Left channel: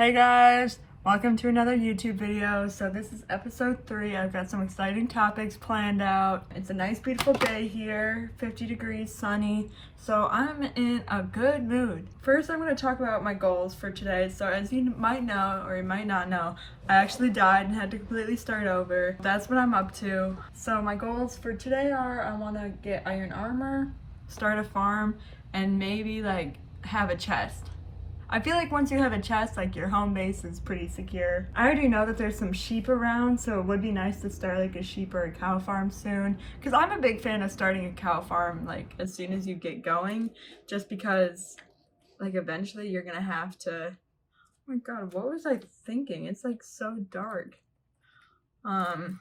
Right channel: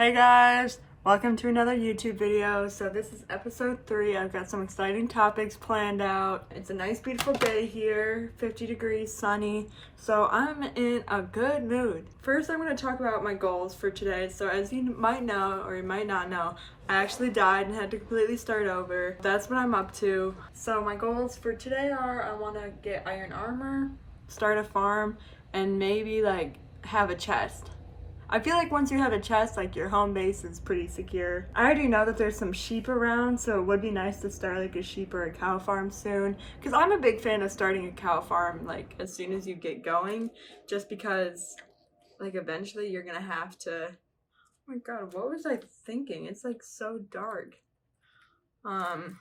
Hey guys, welcome to another YouTube video. So this is episode 3. I've got some exciting topics planned out. It's a nice beautiful day here, 50 degrees, sunny. So I'm in a good mood. First, I'm going to talk about my goals for today. So as you might know, or you might not know, I actually died and had to completely start over. That's what I'm up to. So my goals for today are I want to get iron armor, start a farm, and maybe like have a chest. I feel like once you have a chest, like your home base is pretty secure. I already know that there's some sheep around, so it would be nice to start like a sheep or a cow farm soon. Because I'm a big fan of starting a cow farm like as soon as you get going, just because like eventually you're gonna have to. Oh my god, what was I thinking? It's like so dark. Oh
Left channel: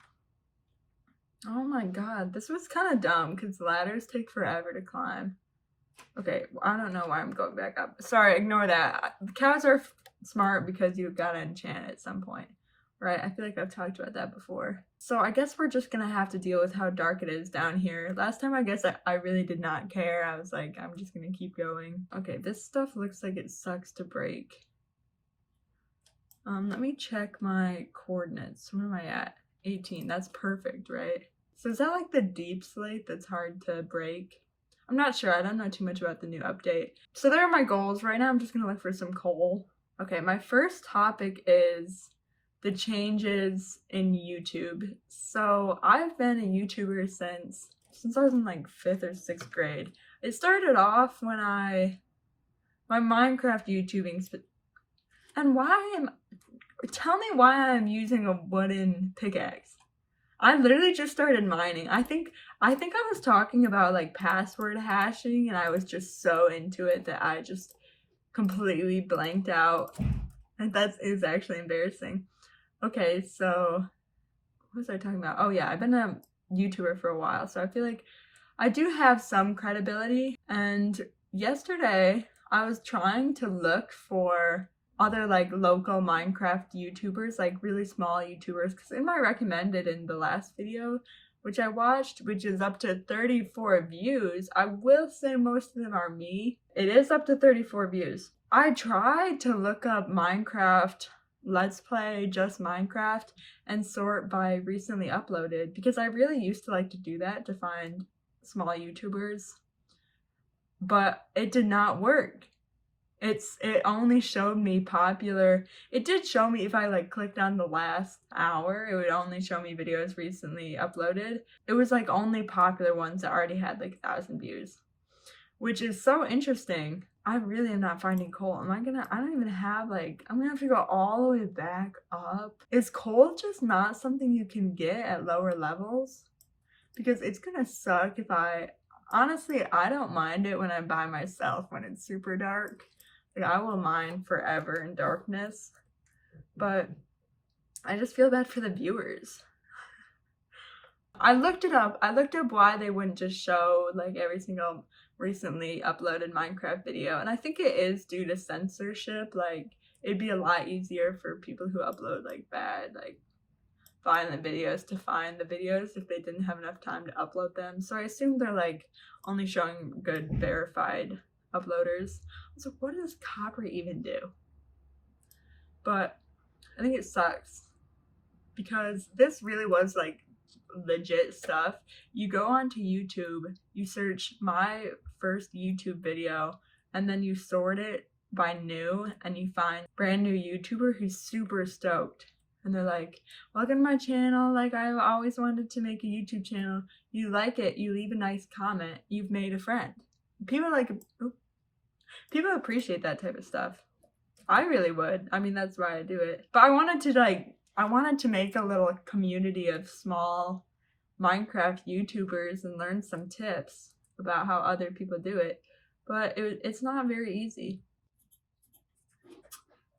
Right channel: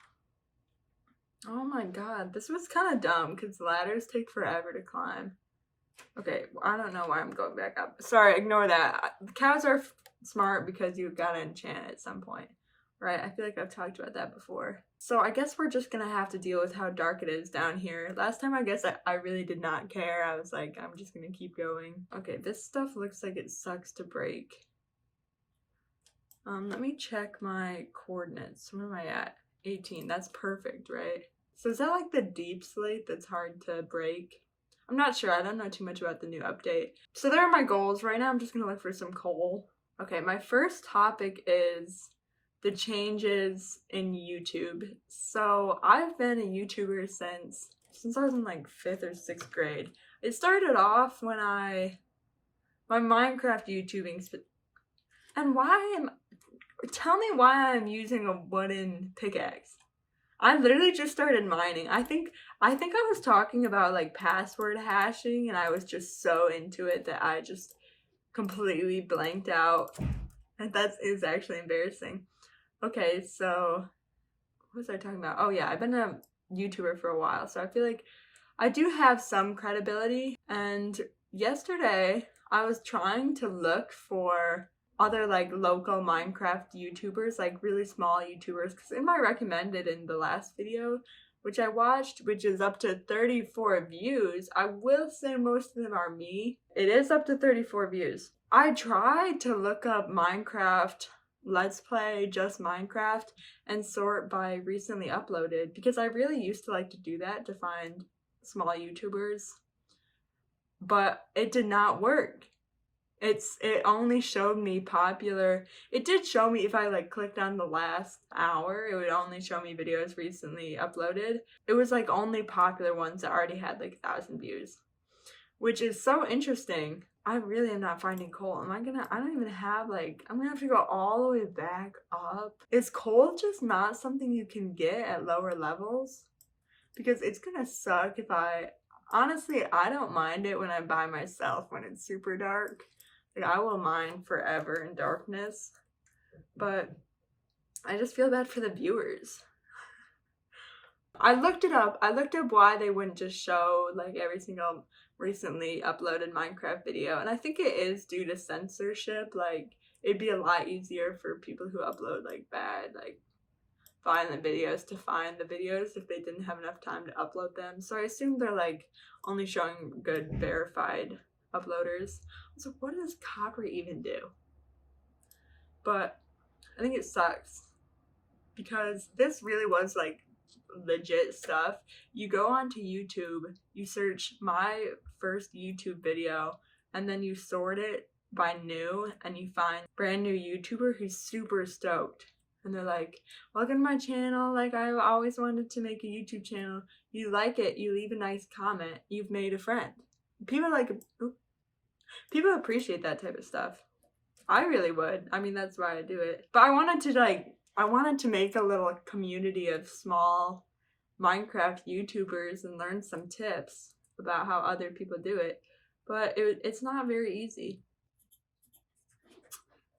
my god, this was kind of dumb because ladders take forever to climb. Okay, well, I don't know why I'm going back up. Sorry, ignore that. The cows are smart because you gotta enchant at some point, right? I feel like I've talked about that before. So I guess we're just gonna have to deal with how dark it is down here. Last time I guess I really did not care. I was like, I'm just gonna keep going. Okay, this stuff looks like it sucks to break. Let me check my coordinates. Where am I at? 18, that's perfect, right? So is that like the deep slate that's hard to break? I'm not sure. I don't know too much about the new update. So there are my goals. Right now I'm just going to look for some coal. Okay, my first topic is the changes in YouTube. So I've been a YouTuber since I was in like 5th or 6th grade. It started off when my Minecraft YouTubing and tell me why I'm using a wooden pickaxe. I literally just started mining. I think I was talking about like password hashing and I was just so into it that I just completely blanked out. And that is actually embarrassing. Okay, so what was I talking about? Oh yeah, I've been a YouTuber for a while, so I feel like I do have some credibility. And yesterday I was trying to look for other like local Minecraft YouTubers, like really small YouTubers, because in my recommended in the last video, which I watched, which is up to 34 views, I will say most of them are me. It is up to 34 views. I tried to look up Minecraft Let's Play, just Minecraft, and sort by recently uploaded, because I really used to like to do that to find small YouTubers, but it did not work. It only showed me popular. It did show me if I like clicked on the last hour, it would only show me videos recently uploaded. It was like only popular ones that already had like 1,000 views, which is so interesting. I really am not finding coal. I don't even have like, I'm gonna have to go all the way back up. Is coal just not something you can get at lower levels? Because it's gonna suck if honestly, I don't mind it when I'm by myself when it's super dark. Like, I will mine forever in darkness, but I just feel bad for the viewers. I looked it up. I looked up why they wouldn't just show like every single recently uploaded Minecraft video, and I think it is due to censorship. Like, it'd be a lot easier for people who upload like bad, like violent videos to find the videos if they didn't have enough time to upload them. So I assume they're like only showing good verified uploaders. So what does copper even do? But I think it sucks because this really was like legit stuff. You go onto YouTube, you search my first YouTube video, and then you sort it by new, and you find brand new YouTuber who's super stoked. And they're like, welcome to my channel, like I've always wanted to make a YouTube channel. You like it, you leave a nice comment, you've made a friend. People people appreciate that type of stuff. I really would. I mean, that's why I do it. But I wanted to make a little community of small Minecraft YouTubers and learn some tips about how other people do it. But it's not very easy.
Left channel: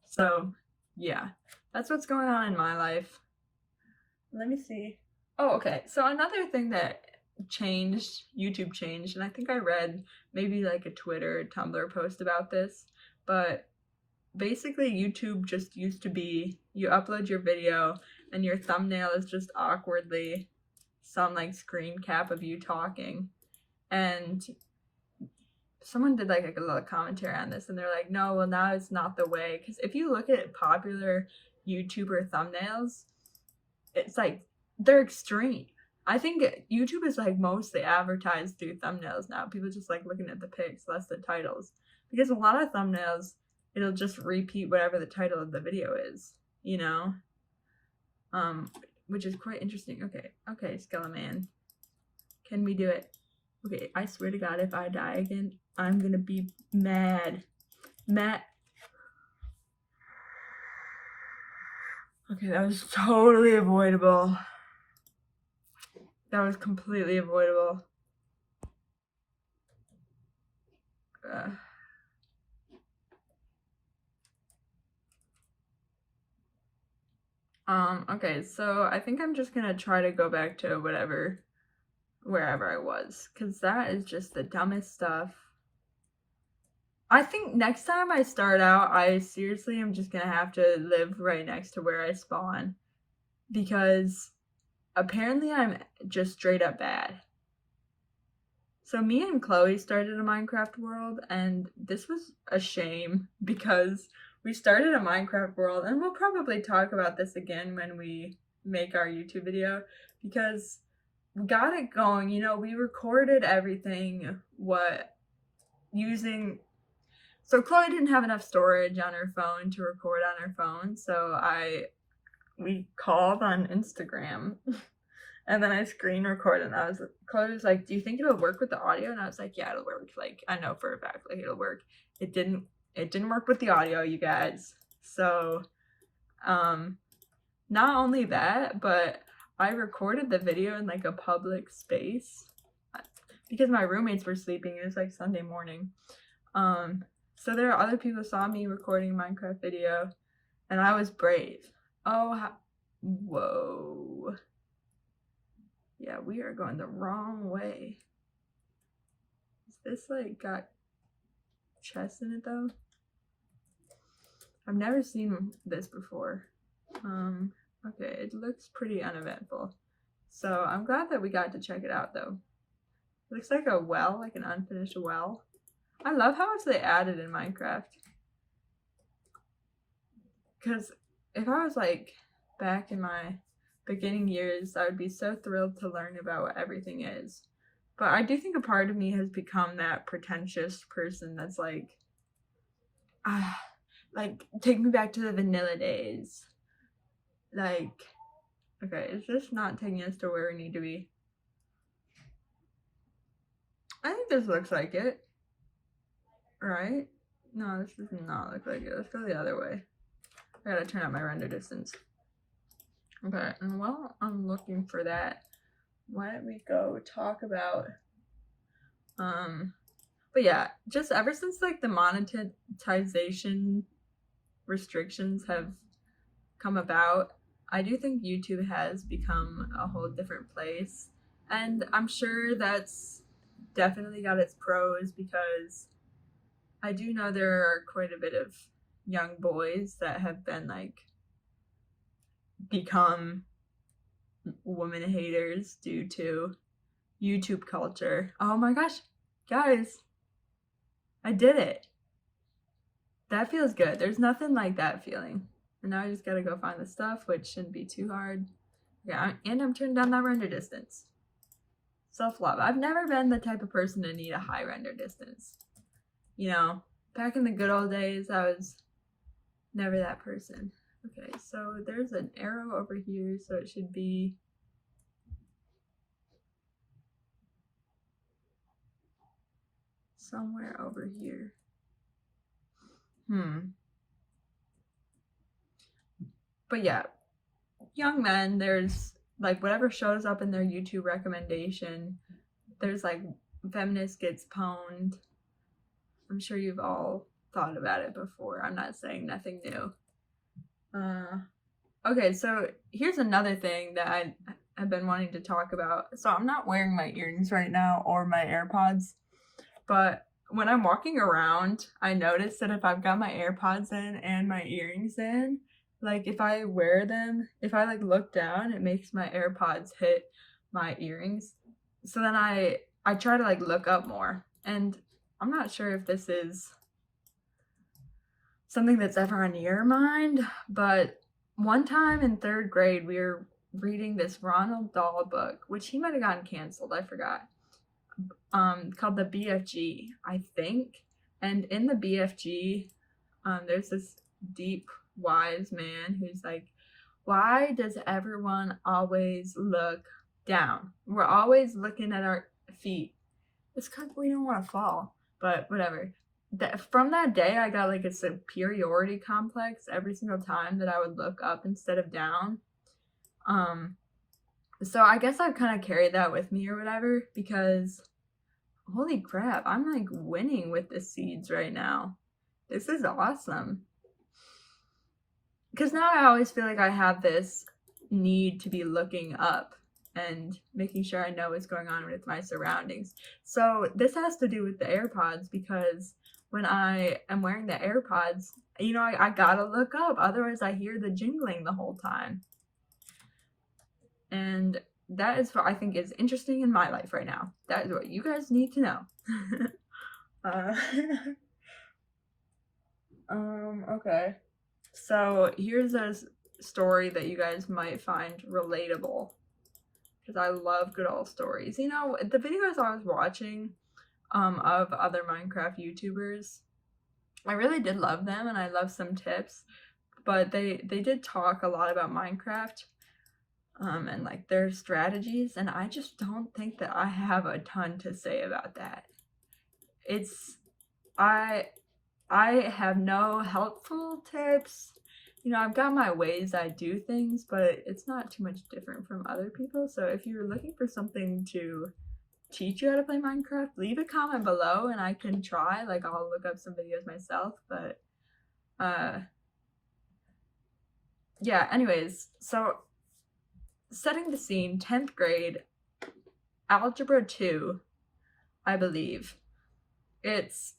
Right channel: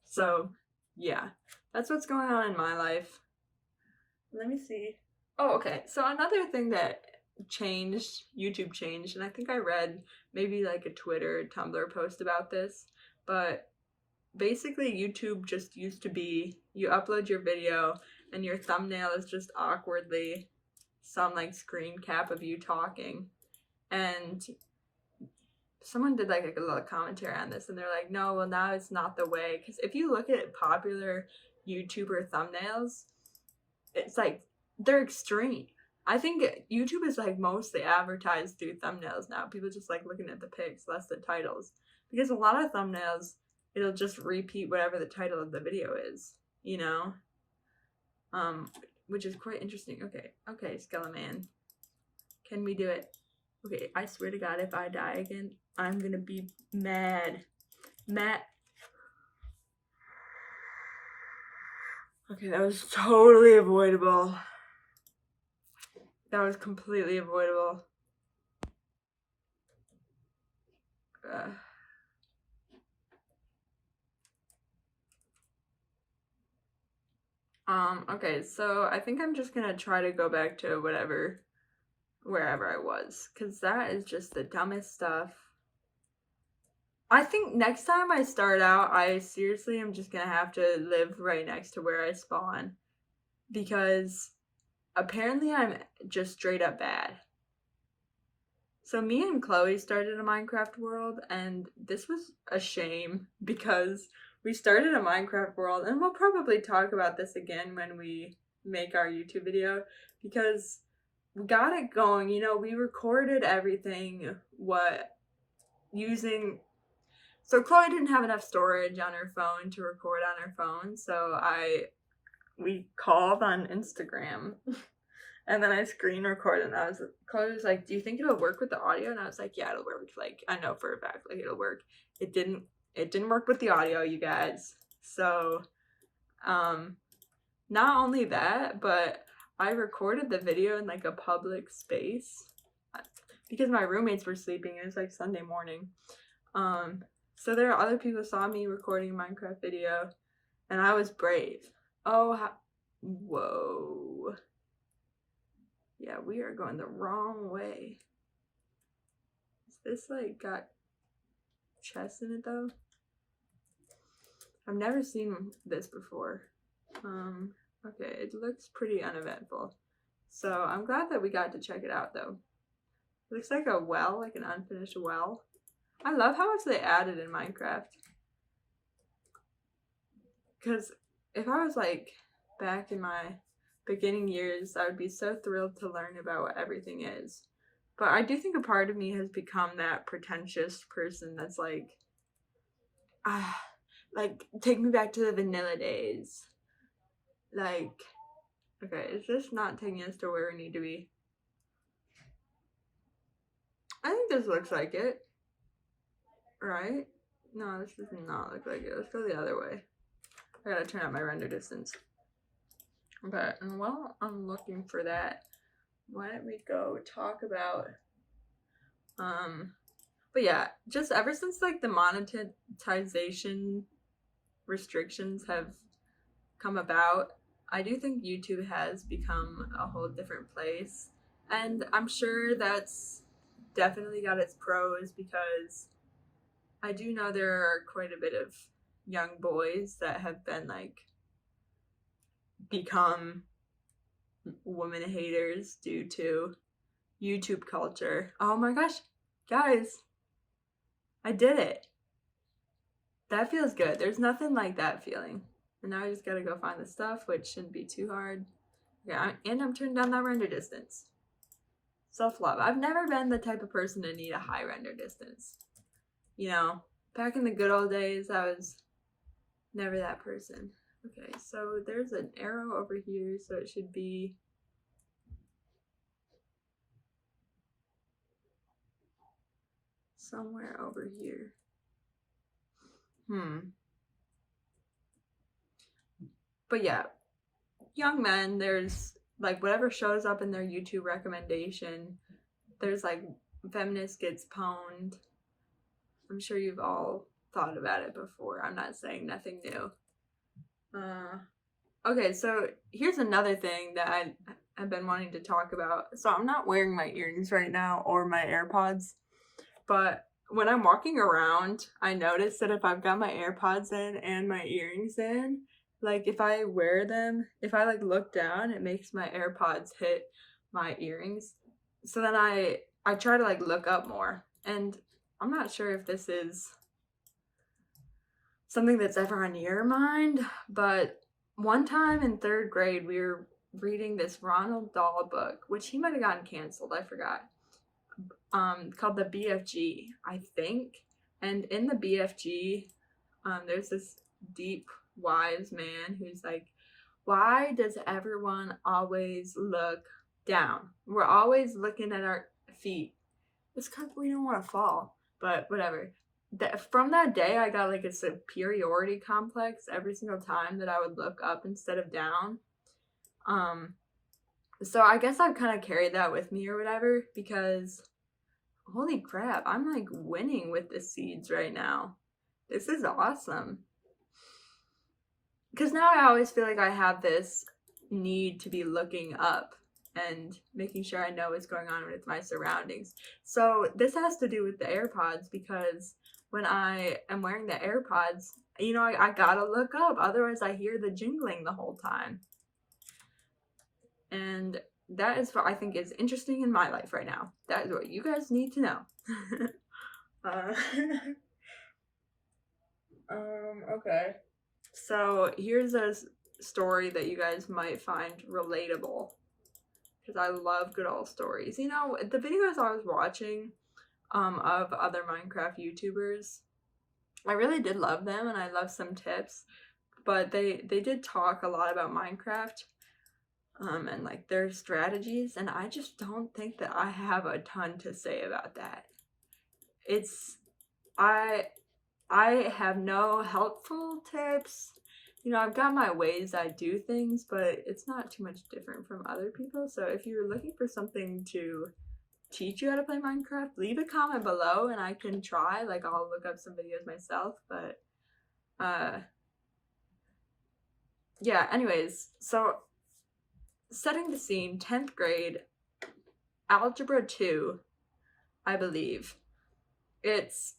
So, yeah. That's what's going on in my life. Let me see. Oh, okay. So another thing that YouTube changed, and I think I read maybe like a Twitter or Tumblr post about this, but basically YouTube just used to be you upload your video and your thumbnail is just awkwardly some like screen cap of you talking, and someone did like a little commentary on this, and they're like, no, well, now it's not the way. Because if you look at popular YouTuber thumbnails, it's like they're extreme. I think YouTube is like mostly advertised through thumbnails now. People just like looking at the pics, less the titles. Because a lot of thumbnails, it'll just repeat whatever the title of the video is, you know? Which is quite interesting. Okay, Skeleman. Can we do it? Okay, I swear to God, if I die again, I'm gonna be mad. Okay, that was totally avoidable. That was completely avoidable. Okay, so I think I'm just gonna try to go back to wherever I was, because that is just the dumbest stuff. I think next time I start out, I seriously am just gonna have to live right next to where I spawn, because apparently I'm just straight up bad. So me and Chloe started a Minecraft world, and this was a shame because we started a Minecraft world, and we'll probably talk about this again when we make our YouTube video, because we got it going. You know, we recorded everything so Chloe didn't have enough storage on her phone to record on her phone, so we called on Instagram. And then I screen recorded, and Chloe was like, do you think it'll work with the audio? And I was like, yeah, it'll work. Like, I know for a fact, like, it'll work. It didn't work with the audio, you guys. So, not only that, but I recorded the video in, like, a public space because my roommates were sleeping. It was, like, Sunday morning. So there are other people who saw me recording a Minecraft video, and I was brave. Whoa. Yeah, we are going the wrong way. Is this like got chests in it though? I've never seen this before. Okay, it looks pretty uneventful. So I'm glad that we got to check it out though. It looks like a well, like an unfinished well. I love how much they added in Minecraft. Because if I was like back in my beginning years, I would be so thrilled to learn about what everything is. But I do think a part of me has become that pretentious person that's like take me back to the vanilla days. Like, okay, it's just not taking us to where we need to be. I think this looks like it. Right? No, this does not look like it. Let's go the other way. I gotta turn up my render distance. Okay, and while I'm looking for that, why don't we go talk about, but yeah, just ever since like the monetization restrictions have come about, I do think YouTube has become a whole different place. And I'm sure that's definitely got its pros, because I do know there are quite a bit of young boys that have been like become women haters due to YouTube culture. Oh my gosh, guys, I did it. That feels good. There's nothing like that feeling. And now I just gotta go find the stuff, which shouldn't be too hard. Yeah, and I'm turning down that render distance. Self-love. I've never been the type of person to need a high render distance. You know, back in the good old days, I was never that person. Okay, so there's an arrow over here, so it should be somewhere over here. But yeah, young men, there's like whatever shows up in their YouTube recommendation. There's like feminist gets pwned. I'm sure you've all thought about it before. I'm not saying nothing new. Okay, so here's another thing that I've been wanting to talk about. So I'm not wearing my earrings right now or my AirPods, but when I'm walking around, I notice that if I've got my AirPods in and my earrings in, like if I wear them, if I like look down, it makes my AirPods hit my earrings. So then I try to like look up more. And I'm not sure if this is something that's ever on your mind, but one time in 3rd grade, we were reading this Ronald Dahl book, which he might have gotten canceled, I forgot, called the BFG, I think. And in the BFG, there's this deep, wise man who's like, why does everyone always look down? We're always looking at our feet. It's because we don't want to fall, but whatever. From that day, I got like a superiority complex every single time that I would look up instead of down. So I guess I've kind of carried that with me or whatever, because holy crap, I'm like winning with the seeds right now. This is awesome. Because now I always feel like I have this need to be looking up and making sure I know what's going on with my surroundings. So this has to do with the AirPods, because when I am wearing the AirPods, you know, I gotta look up, otherwise I hear the jingling the whole time. And that is what I think is interesting in my life right now. That is what you guys need to know. Okay. So here's a story that you guys might find relatable, because I love good old stories. You know, the videos I was watching of other Minecraft YouTubers, I really did love them, and I love some tips, but they did talk a lot about Minecraft and like their strategies, and I just don't think that I have a ton to say about that. I have no helpful tips. You know, I've got my ways I do things, but it's not too much different from other people. So if you're looking for something to teach you how to play Minecraft, leave a comment below and I can try. Like, I'll look up some videos myself, but yeah, anyways, so setting the scene, 10th grade, Algebra 2, I believe. It's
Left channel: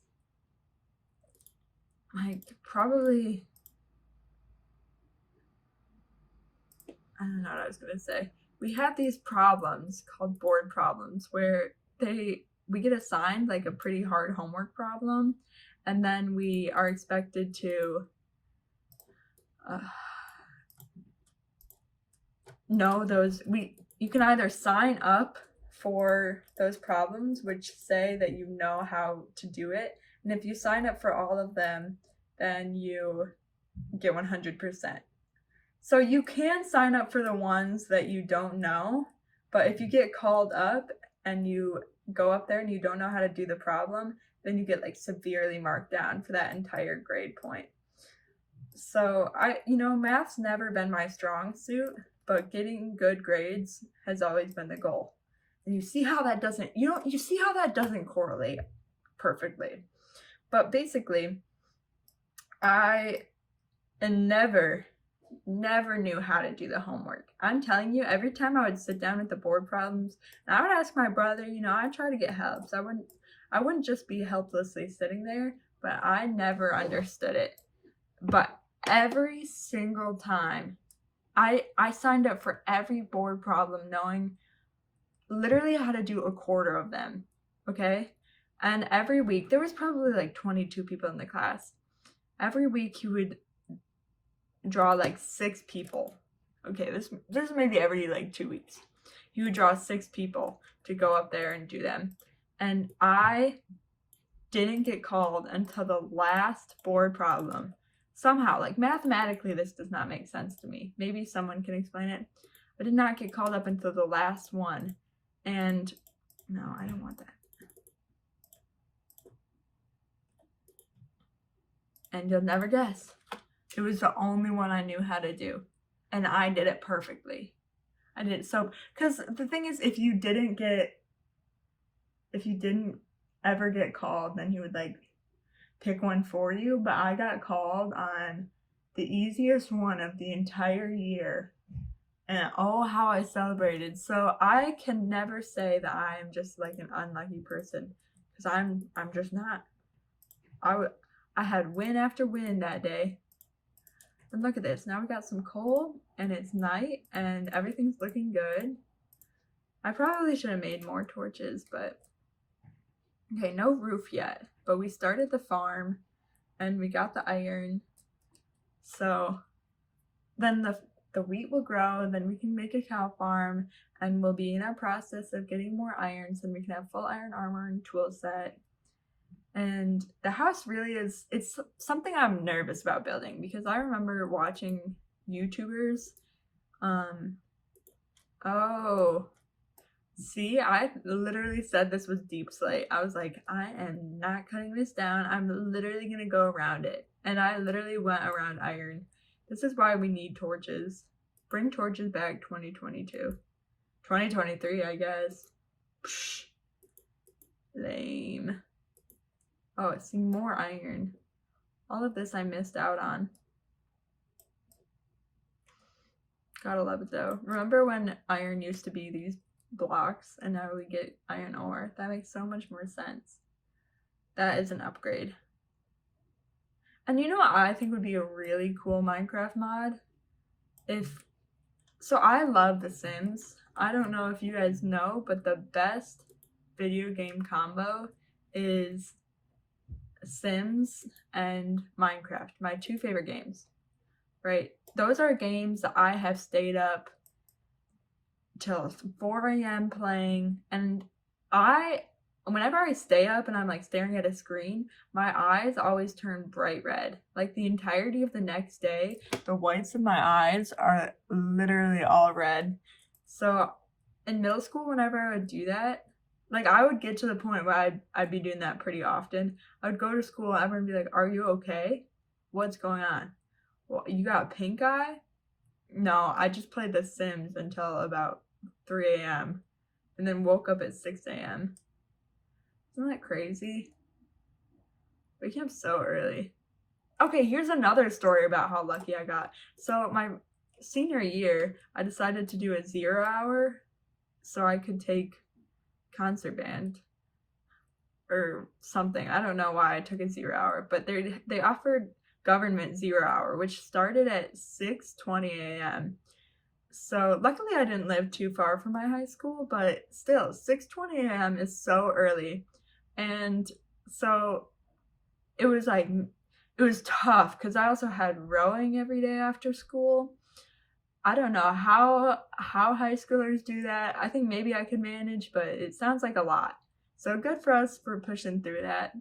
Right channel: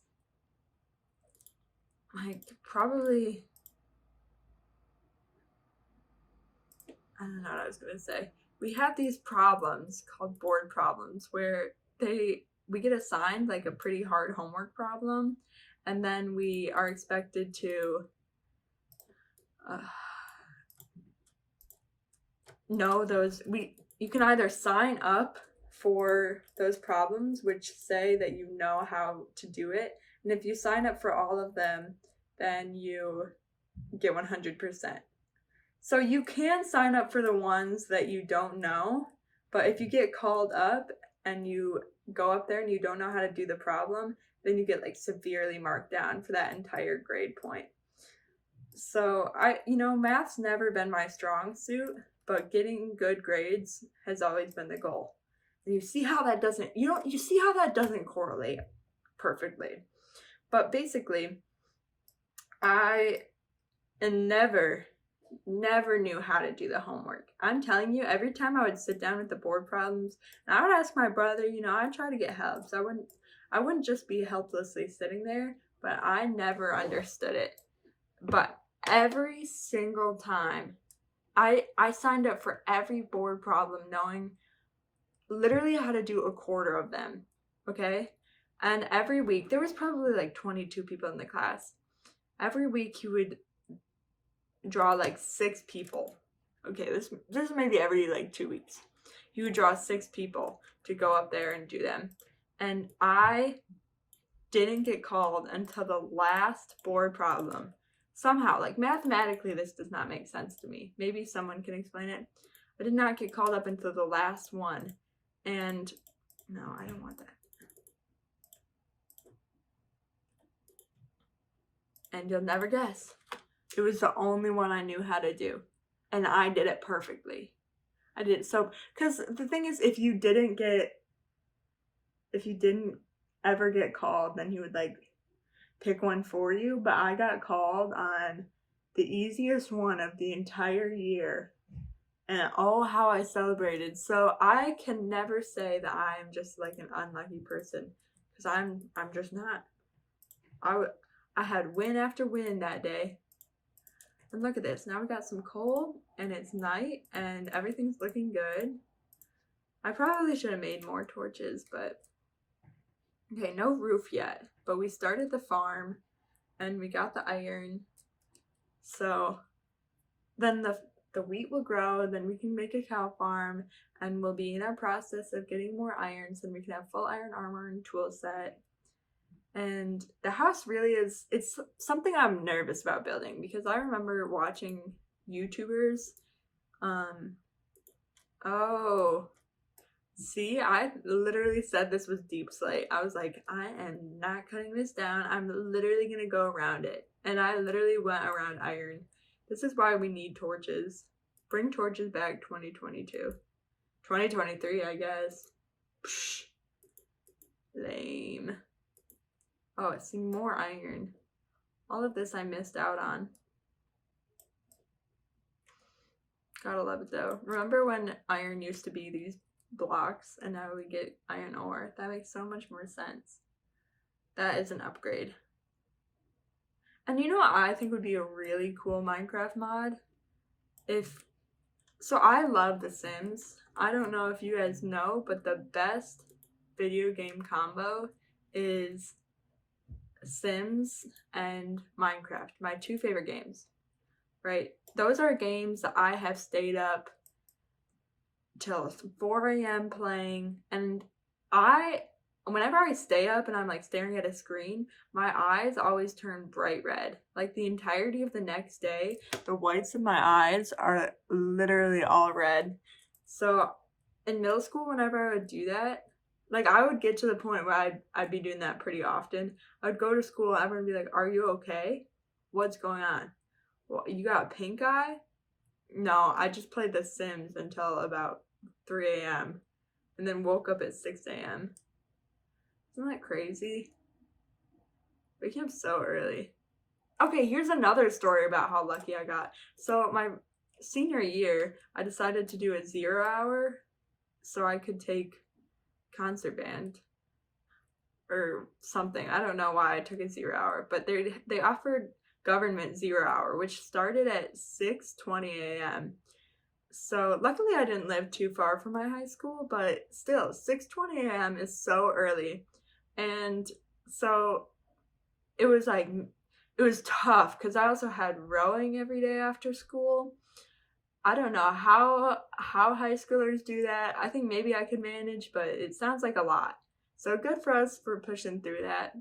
like probably, I don't know what I was gonna say. We have these problems called board problems where we get assigned like a pretty hard homework problem, and then we are expected to know those. You can either sign up for those problems, which say that you know how to do it, and if you sign up for all of them, then you get 100%. So you can sign up for the ones that you don't know, but if you get called up and you go up there and you don't know how to do the problem, then you get like severely marked down for that entire grade point. So math's never been my strong suit, but getting good grades has always been the goal. And you see how that doesn't correlate perfectly. But basically, I never knew how to do the homework. I'm telling you, every time I would sit down with the board problems, and I would ask my brother, I'd try to get help. So I wouldn't just be helplessly sitting there, but I never understood it. But every single time, I signed up for every board problem knowing literally how to do a quarter of them, okay? And every week, there was probably like 22 people in the class. Every week you would draw like 6 people. Okay, this is maybe every like 2 weeks. You would draw 6 people to go up there and do them. And I didn't get called until the last board problem. Somehow, like mathematically, this does not make sense to me. Maybe someone can explain it. I did not get called up until the last one. And no, I don't want that. And you'll never guess. It was the only one I knew how to do. And I did it perfectly. I did it so, because the thing is, if you didn't ever get called, then you would like pick one for you. But I got called on the easiest one of the entire year. And oh, how I celebrated. So I can never say that I am just like an unlucky person, because I'm just not. I had win after win that day. And look at this. Now we got some coal and it's night and everything's looking good. I probably should have made more torches, but Okay, no roof yet, but we started the farm and we got the iron. So then the wheat will grow, then we can make a cow farm, and we'll be in our process of getting more irons, and we can have full iron armor and tool set. And the house really is, it's something I'm nervous about building because I remember watching YouTubers. Oh, see, I literally said this was deep slate. I was like, I am not cutting this down. I'm literally gonna go around it. And I literally went around iron. This is why we need torches. Bring torches back 2022. 2023, I guess. Psh, lame. Oh, see, more iron. All of this I missed out on. Gotta love it though. Remember when iron used to be these blocks and now we get iron ore? That makes so much more sense. That is an upgrade. And you know what I think would be a really cool Minecraft mod? So I love The Sims. I don't know if you guys know, but the best video game combo is Sims and Minecraft, my two favorite games, right? Those are games that I have stayed up till 4 a.m. playing, and whenever I stay up and I'm like staring at a screen, my eyes always turn bright red. Like the entirety of the next day, the whites of my eyes are literally all red. So in middle school, whenever I would do that, like I would get to the point where I'd be doing that pretty often. I would go to school and everyone would be like, "Are you okay? What's going on? Well, you got pink eye?" No, I just played The Sims until about 3 a.m. and then woke up at 6 a.m. Isn't that crazy? Waking up so early. Okay, here's another story about how lucky I got. So my senior year, I decided to do a 0 hour so I could take concert band or something. I don't know why I took a 0 hour, but they offered government 0 hour, which started at 6:20 a.m. So luckily I didn't live too far from my high school, but still 6:20 a.m. is so early. And so it was tough because I also had rowing every day after school. I don't know how high schoolers do that. I think maybe I could manage, but it sounds like a lot. So good for us for pushing through that.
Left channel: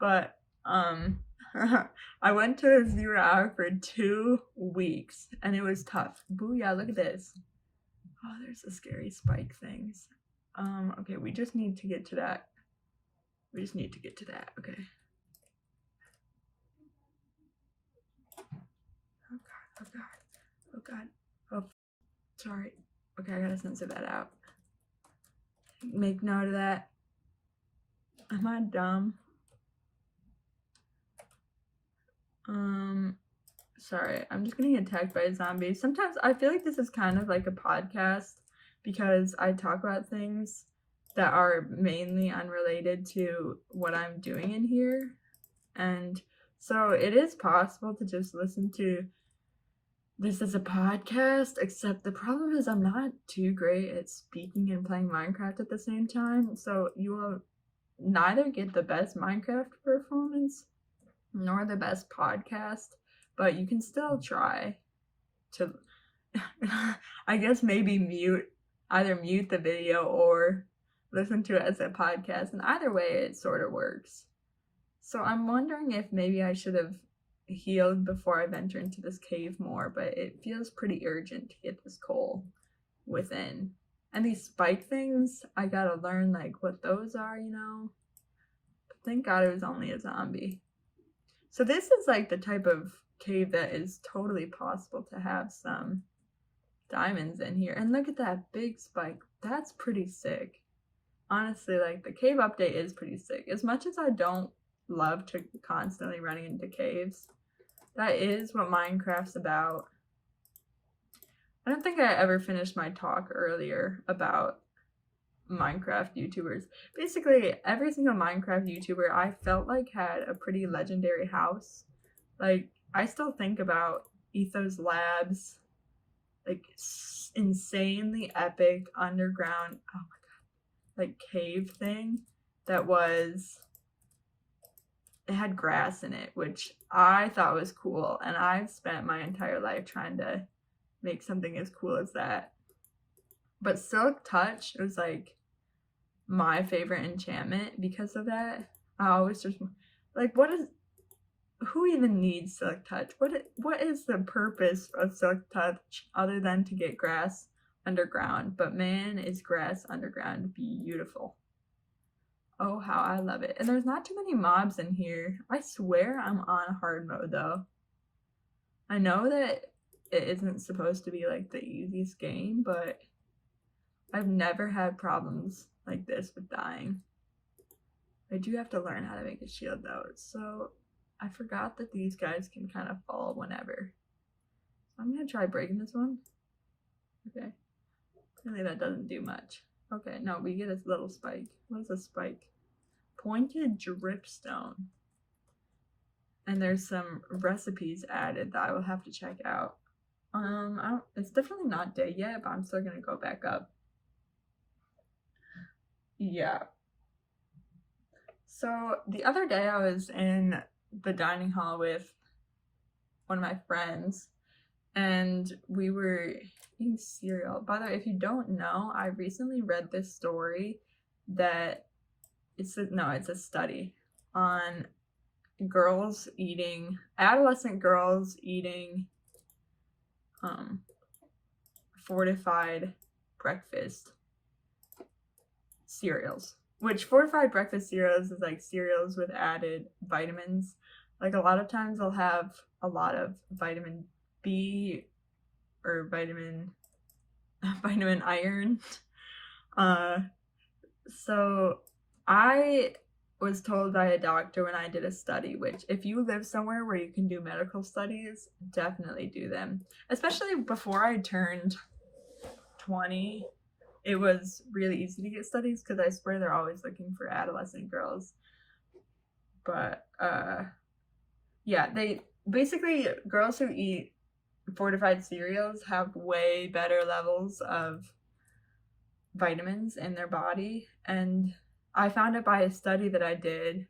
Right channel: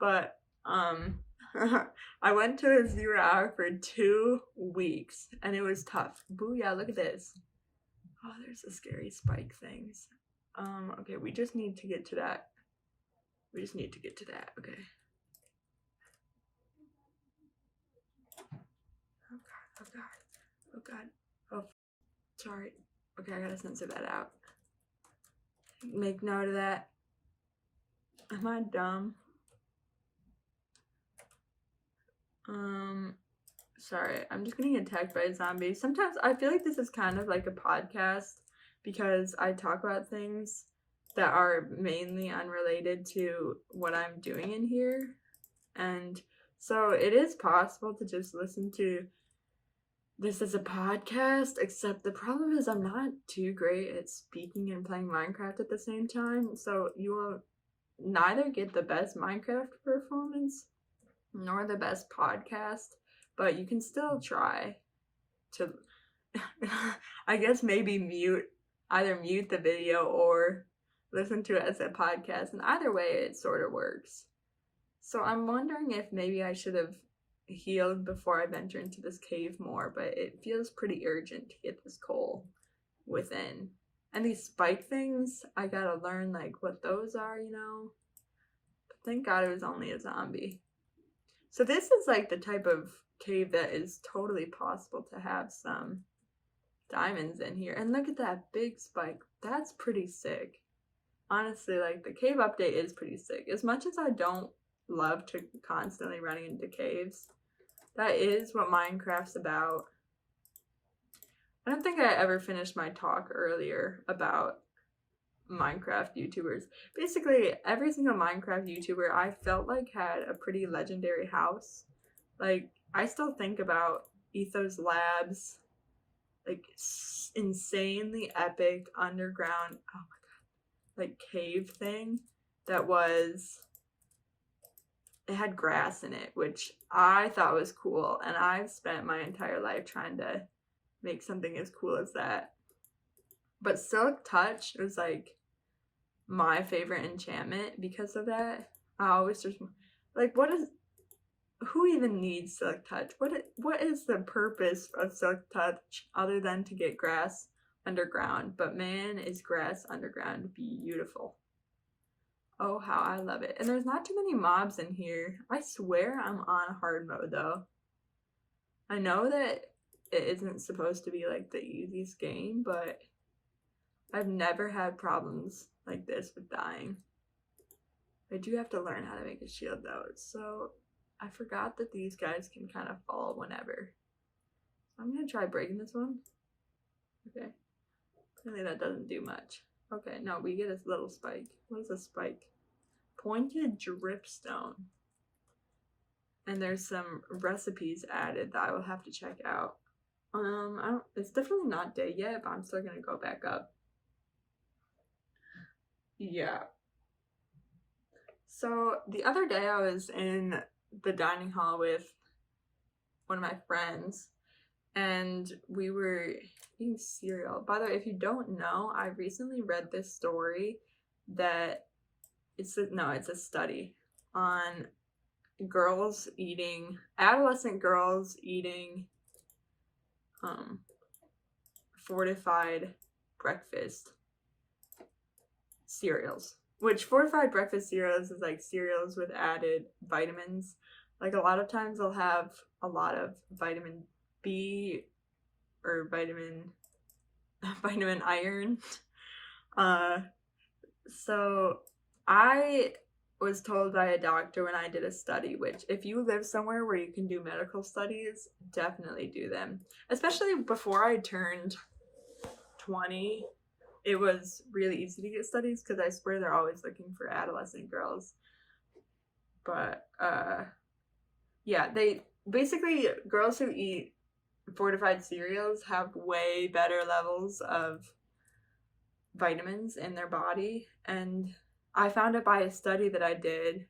But I went to a 0 hour for 2 weeks and it was tough. Booyah, look at this. Oh, there's the scary spike things. Okay, we just need to get to that. Okay. Oh god. Oh, sorry. Okay, I gotta censor that out. Make note of that. Am I dumb? Sorry, I'm just getting attacked by a zombie. Sometimes I feel like this is kind of like a podcast because I talk about things that are mainly unrelated to what I'm doing in here. And so it is possible to just listen to this as a podcast, except the problem is I'm not too great at speaking and playing Minecraft at the same time. So you will neither get the best Minecraft performance nor the best podcast, but you can still try to, I guess maybe either mute the video or listen to it as a podcast, and either way it sort of works. So I'm wondering if maybe I should have healed before I venture into this cave more, but it feels pretty urgent to get this coal within. And these spike things, I gotta learn like what those are, you know? But thank God it was only a zombie. So this is like the type of cave that is totally possible to have some diamonds in here. And look at that big spike. That's pretty sick. Honestly, like the cave update is pretty sick. As much as I don't love to constantly running into caves, that is what Minecraft's about. I don't think I ever finished my talk earlier about Minecraft YouTubers. Basically, every single Minecraft YouTuber I felt like had a pretty legendary house. Like, I still think about Ethos Labs, like insanely epic underground, oh my god, like cave thing. that was, it had grass in it, which I thought was cool, and I've spent my entire life trying to make something as cool as that. But Silk Touch was like my favorite enchantment because of that. I always just like, who even needs Silk Touch? What is the purpose of Silk Touch other than to get grass underground? But man, is grass underground beautiful. Oh, how I love it. And there's not too many mobs in here. I swear I'm on hard mode though. I know that it isn't supposed to be like the easiest game, but I've never had problems like this with dying. I do have to learn how to make a shield though. So I forgot that these guys can kind of fall whenever. I'm gonna try breaking this one. Okay. Clearly that doesn't do much. Okay, no, we get a little spike. What is a spike? Pointed dripstone. And there's some recipes added that I will have to check out. It's definitely not day yet, but I'm still gonna go back up. Yeah. So the other day I was in the dining hall with one of my friends, and we were eating cereal. By the way, if you don't know, I recently read this story that it's a study on adolescent girls eating fortified breakfast cereals. Which fortified breakfast cereals is like cereals with added vitamins. Like a lot of times they'll have a lot of vitamin B or vitamin iron. So I was told by a doctor when I did a study, which if you live somewhere where you can do medical studies, definitely do them. Especially before I turned 20, it was really easy to get studies because I swear they're always looking for adolescent girls. But yeah, they basically, girls who eat fortified cereals have way better levels of vitamins in their body. And I found it by a study that I did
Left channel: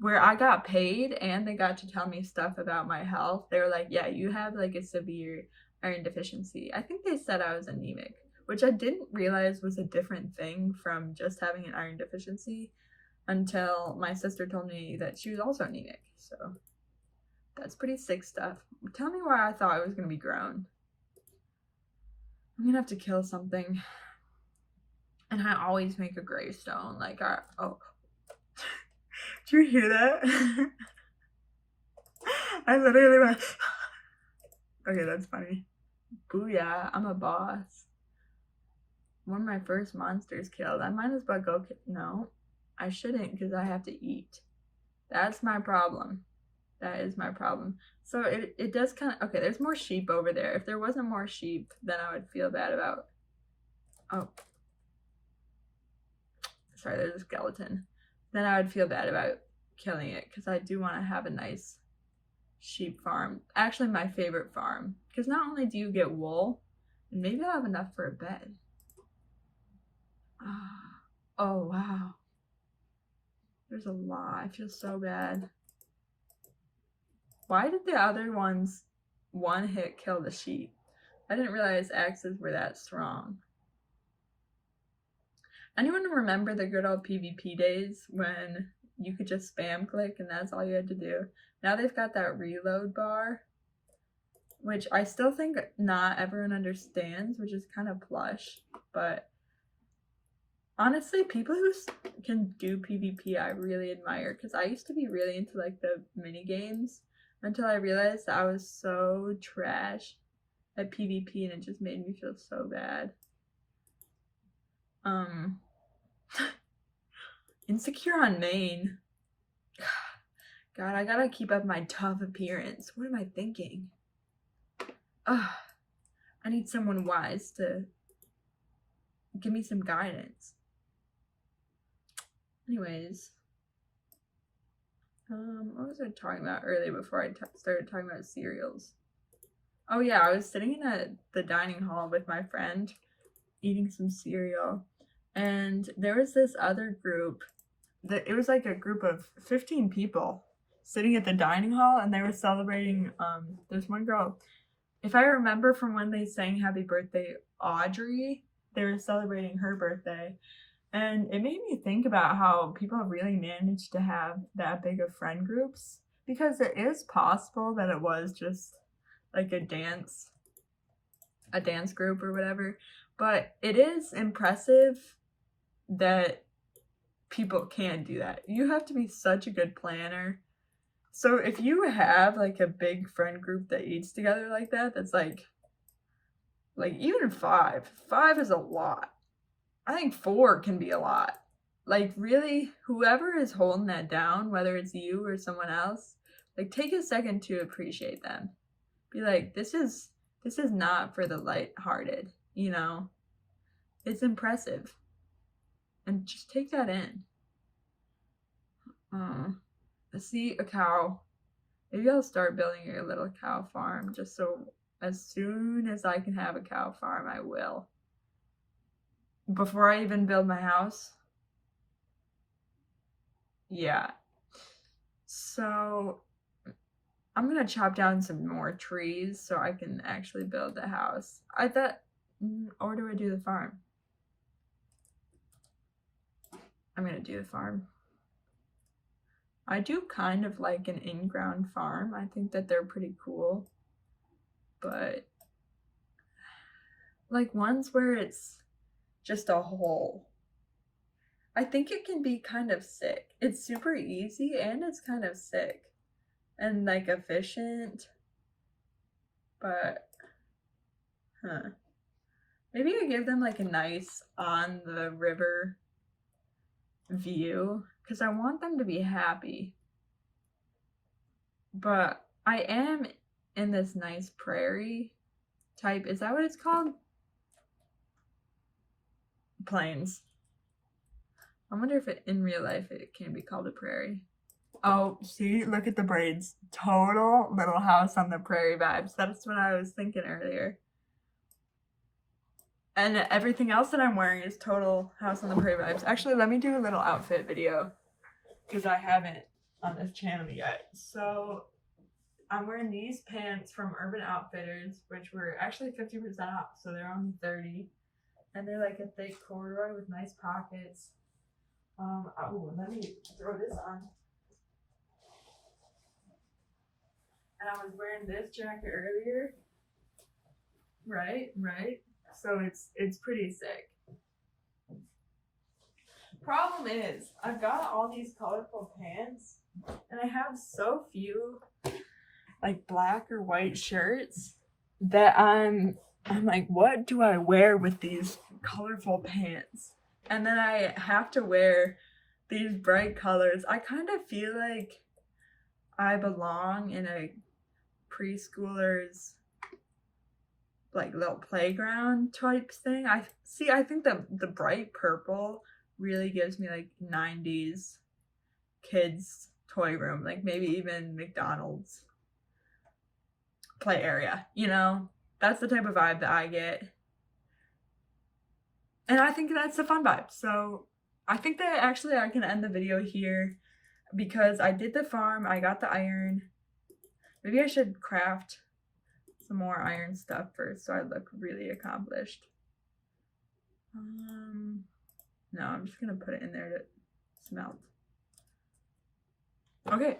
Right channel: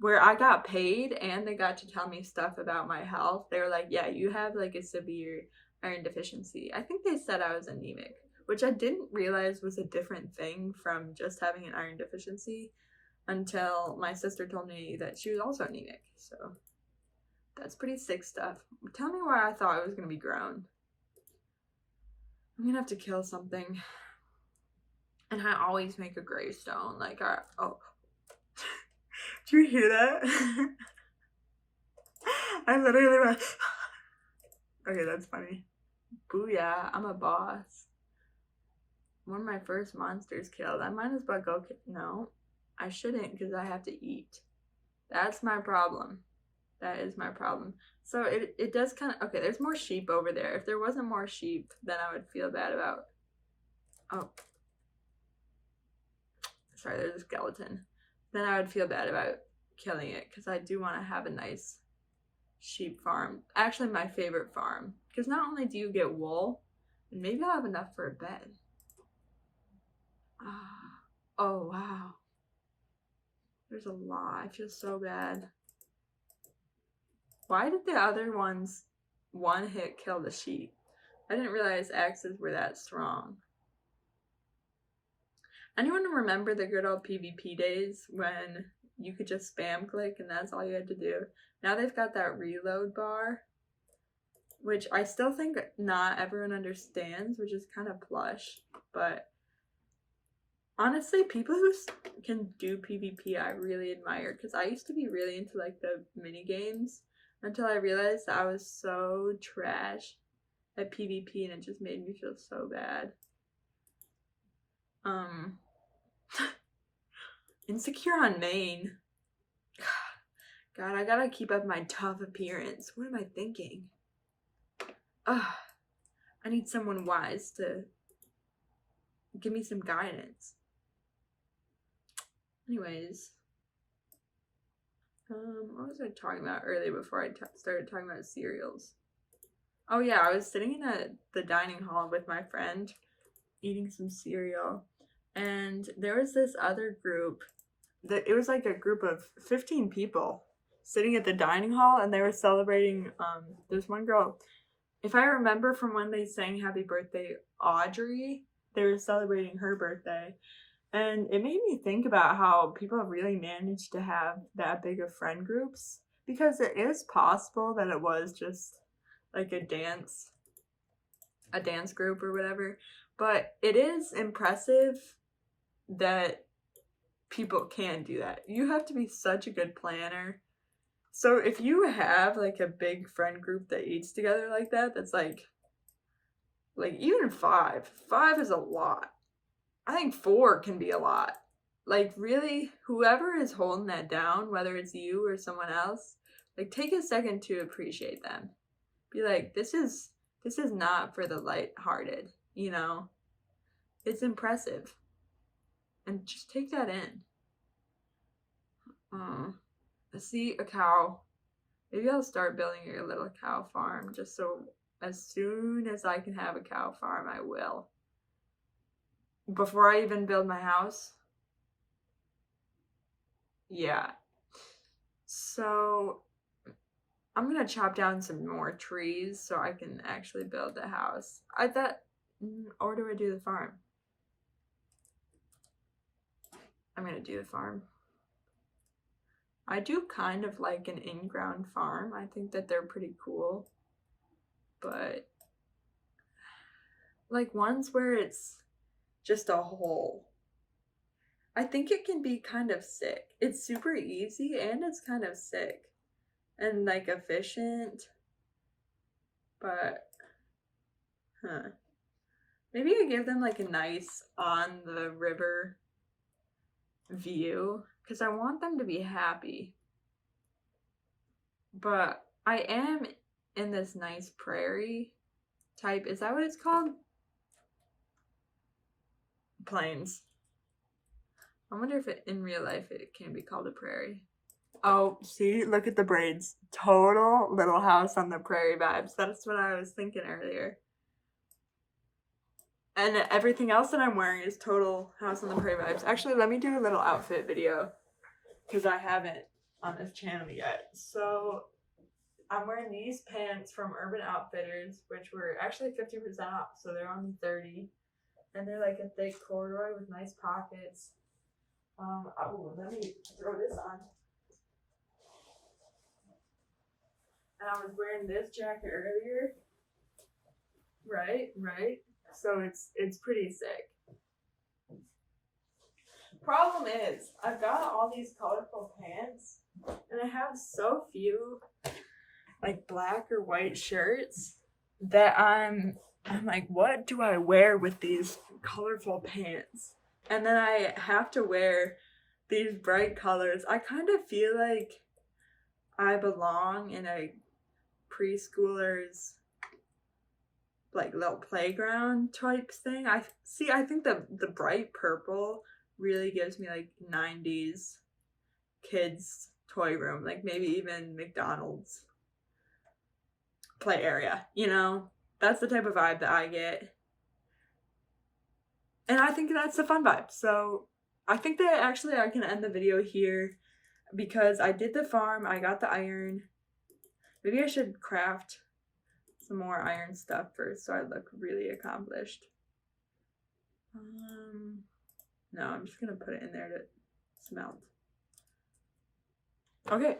where I got paid and they got to tell me stuff about my health. They were like, yeah, you have like a severe iron deficiency. I think they said I was anemic, which I didn't realize was a different thing from just having an iron deficiency until my sister told me that she was also anemic. So that's pretty sick stuff. Tell me why I thought I was going to be grown. I'm going to have to kill something. And I always make a gravestone. Like, oh. Do you hear that? I literally went. Okay, that's funny. Booyah, I'm a boss. One of my first monsters killed. I might as well go. No, I shouldn't because I have to eat. That's my problem. That is my problem. So it does kind of. Okay, there's more sheep over there. If there wasn't more sheep, then I would feel bad about. Oh. Sorry, there's a skeleton. Then I would feel bad about killing it because I do want to have a nice sheep farm. Actually, my favorite farm. Because not only do you get wool, and maybe I'll have enough for a bed. Oh, wow. There's a lot. I feel so bad. Why did the other ones one hit kill the sheep? I didn't realize axes were that strong. Anyone remember the good old PvP days when you could just spam click and that's all you had to do? Now they've got that reload bar, which I still think not everyone understands, which is kind of plush. But honestly, people who can do PvP I really admire, because I used to be really into like the mini games until I realized that I was so trash at PvP and it just made me feel so bad. Insecure on main. God, I gotta keep up my tough appearance. What am I thinking? I need someone wise to give me some guidance. Anyways. What was I talking about earlier before I started talking about cereals? Oh yeah, I was sitting in the dining hall with my friend eating some cereal. And there was this other group it was like a group of 15 people sitting at the dining hall, and they were celebrating. There's one girl, if I remember from when they sang Happy Birthday Audrey, they were celebrating her birthday. And it made me think about how people really managed to have that big of friend groups, because it is possible that it was just like a dance group or whatever. But it is impressive that people can do that. You have to be such a good planner. So if you have like a big friend group that eats together like that, that's like even five is a lot. I think 4 can be a lot. Like, really, whoever is holding that down, whether it's you or someone else, like, take a second to appreciate them. Be like, this is not for the lighthearted, you know? It's impressive. And just take that in. I see a cow. Maybe I'll start building a little cow farm, just so as soon as I can have a cow farm, I will. Before I even build my house. Yeah. So I'm gonna chop down some more trees so I can actually build the house. Or do I do the farm? I'm gonna do the farm. I do kind of like an in-ground farm. I think that they're pretty cool. But like ones where it's just a hole, I think it can be kind of sick. It's super easy and it's kind of sick and like efficient. But maybe I give them like a nice on the river view, because I want them to be happy. But I am in this nice prairie type. Is that what it's called? Plains. I wonder if in real life it can be called a prairie. Oh, see, look at the braids. Total Little House on the Prairie vibes. That's what I was thinking earlier. And everything else that I'm wearing is total House on the Prairie vibes. Actually, let me do a little outfit video, because I haven't on this channel yet. So I'm wearing these pants from Urban Outfitters, which were actually 50% off, so they're only $30. And they're like a thick corduroy with nice pockets. Let me throw this on. And I was wearing this jacket earlier. Right. So it's pretty sick. Problem is, I've got all these colorful pants, and I have so few like black or white shirts that I'm like, what do I wear with these colorful pants? And then I have to wear these bright colors. I kind of feel like I belong in a preschooler's like little playground type thing. I think the bright purple really gives me like 90s kids toy room, like maybe even McDonald's play area, you know? That's the type of vibe that I get. And I think that's a fun vibe. So I think that actually I can end the video here, because I did the farm, I got the iron. Maybe I should craft some more iron stuff first so I look really accomplished. No, I'm just gonna put it in there to smelt. Okay.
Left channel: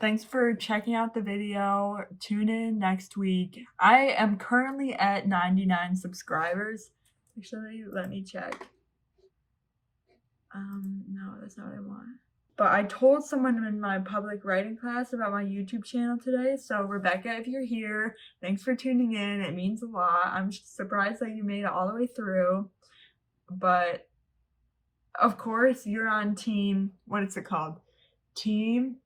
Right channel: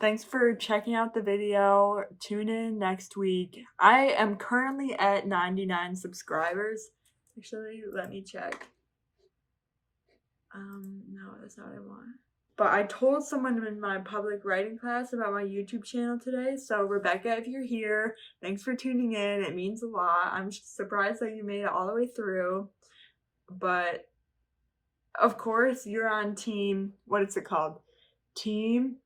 Thanks for checking out the video. Tune in next week. I am currently at 99 subscribers. Actually, let me check. No, that's not what I want. But I told someone in my public writing class about my YouTube channel today. So Rebecca, if you're here, thanks for tuning in. It means a lot. I'm surprised that you made it all the way through. But of course, you're on team, what is it called? Team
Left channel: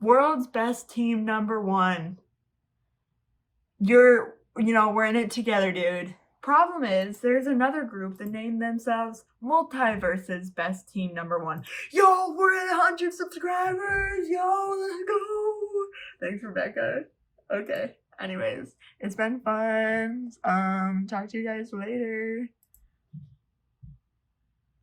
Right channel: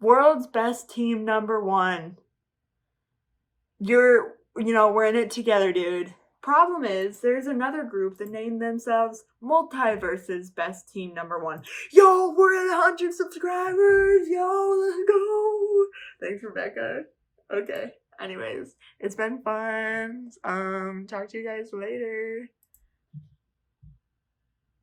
World's Best Team #1. We're in it together, dude. Problem is, there's another group that named themselves Multiverse's Best Team #1. Yo, we're at 100 subscribers! Yo, let's go! Thanks, Rebecca. Okay, anyways, it's been fun. Talk to you guys later.